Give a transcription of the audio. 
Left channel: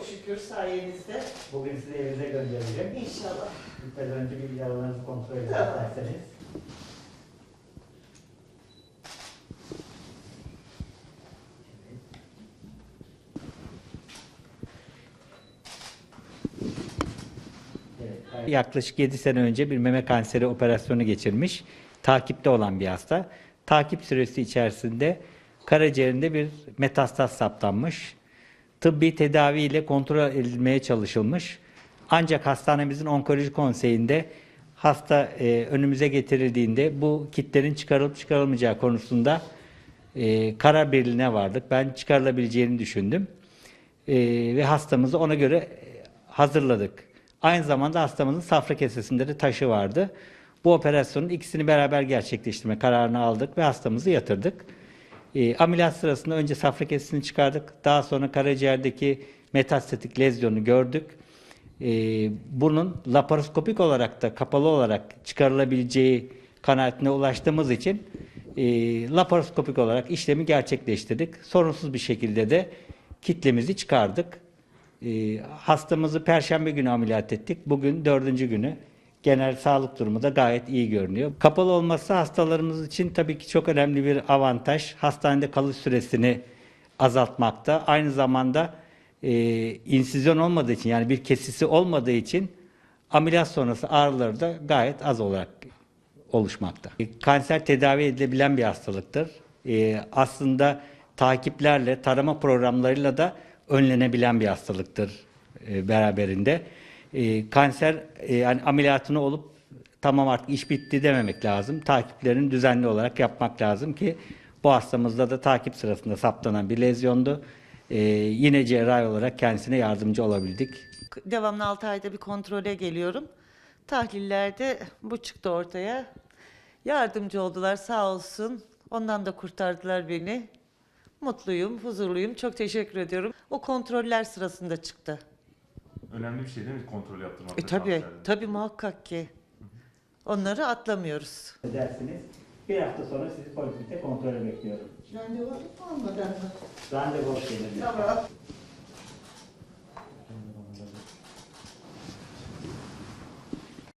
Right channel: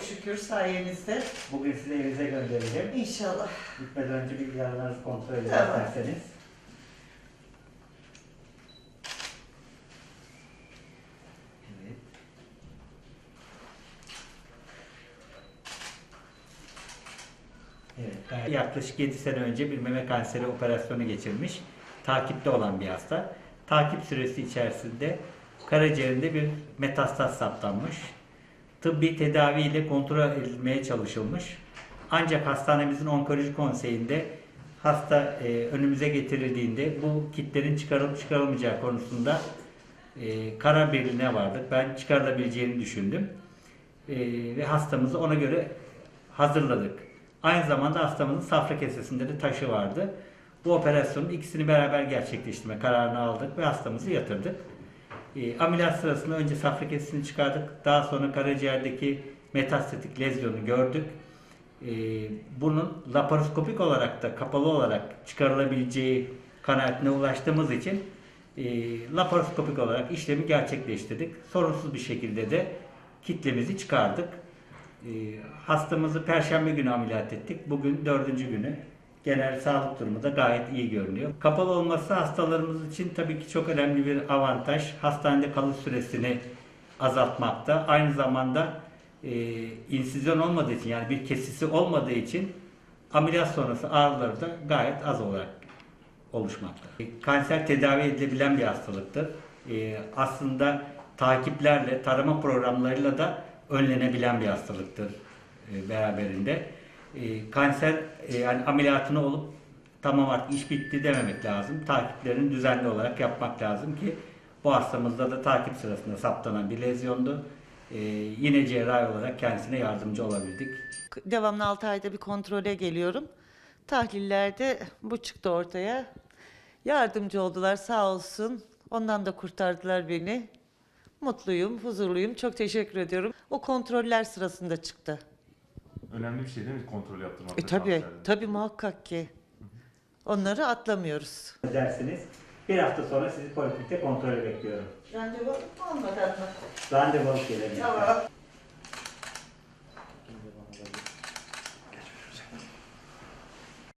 Çok şükür sayenizde. Bugün sizi evinize göndereceğim. İnşallah. Gitmeden önce bilgilerinizi kontrol edin Tamam. isterseniz. Evet. Evet, Yaklaşık 7 sene önce bir meme kanseri operasyonu geçirmiş. Takipte olan bir hasta. Takip süresi içerisinde karaciğerinde bir metastaz saptanmış. Tıbbi tedaviyle kontrol edilmeye çalışılmış. Ancak hastanemizin onkoloji konseyinde hasta e, önümüze getirildiğinde bu kitlerin çıkarılıp çıkarılmayacağı konusunda e, karar birliğine vardık. Ben çıkarılabileceğini düşündüm. E, ve hastamızı ona göre hazırladık. Aynı zamanda hastamızın safra kesesinde de taşı vardı. Bu operasyonun ikisini beraber gerçekleştirme kararını aldık ve hastamızı yatırdık. E, ameliyat sırasında önce safra kesesini çıkardık. Daha sonra karaciğerdeki metastatik lezyonu gördük. E, bunun laparoskopik olarak da kapalı olarak çıkarılabileceği kanaatine ulaştığımız için e, laparoskopik olarak işlemi gerçekleştirdik. Sorunsuz bir şekilde de kitlemizi çıkardık. E, hastamızı perşembe günü ameliyat ettik. Bugün dördüncü günü. Genel sağlık durumu da gayet iyi görünüyor. Kapalı olması hastalarımız için tabii ki çok önemli bir avantaj. Hastanede kalış süresini azaltmakta. Aynı zamanda e, insizyon olmadığı için yani bir kesisi olmadığı için ameliyat sonrası ağrıları da gayet az olarak oluşmakta. E, Kanser tedavi edilebilen bir hastalıktır. E, aslında takiplerle, tarama programlarıyla da önlenebilen bir hastalıktır e, beraberinde. E, kanser e, yani ameliyatını olup tamam artık iş bitti dememek lazım. Takiplerini düzenli olarak yapmak lazım ki bu hastamızda da takip sırasında saptanan bir lezyondu. E, yine cerrahi olarak kendisine yardımcı olabildik. Devamlı 6 ayda bir kontrole geliyorum. Tahlillerde bu çıktı ortaya. Yardımcı oldular sağ olsun. Ondan da kurtardılar beni. Mutluyum, huzurluyum. Çok teşekkür ediyorum. O kontroller sırasında çıktı. Önemli bir şey değil mi kontrol yaptırmak? E tabii, kanserde? tabii muhakkak ki. Onları atlamıyoruz. Dersiniz. Bir hafta sonra sizi poliklinikte kontrole bekliyorum. Randevu alıp mı almadan mı? Randevu alıp gelebilirsiniz. Tamam.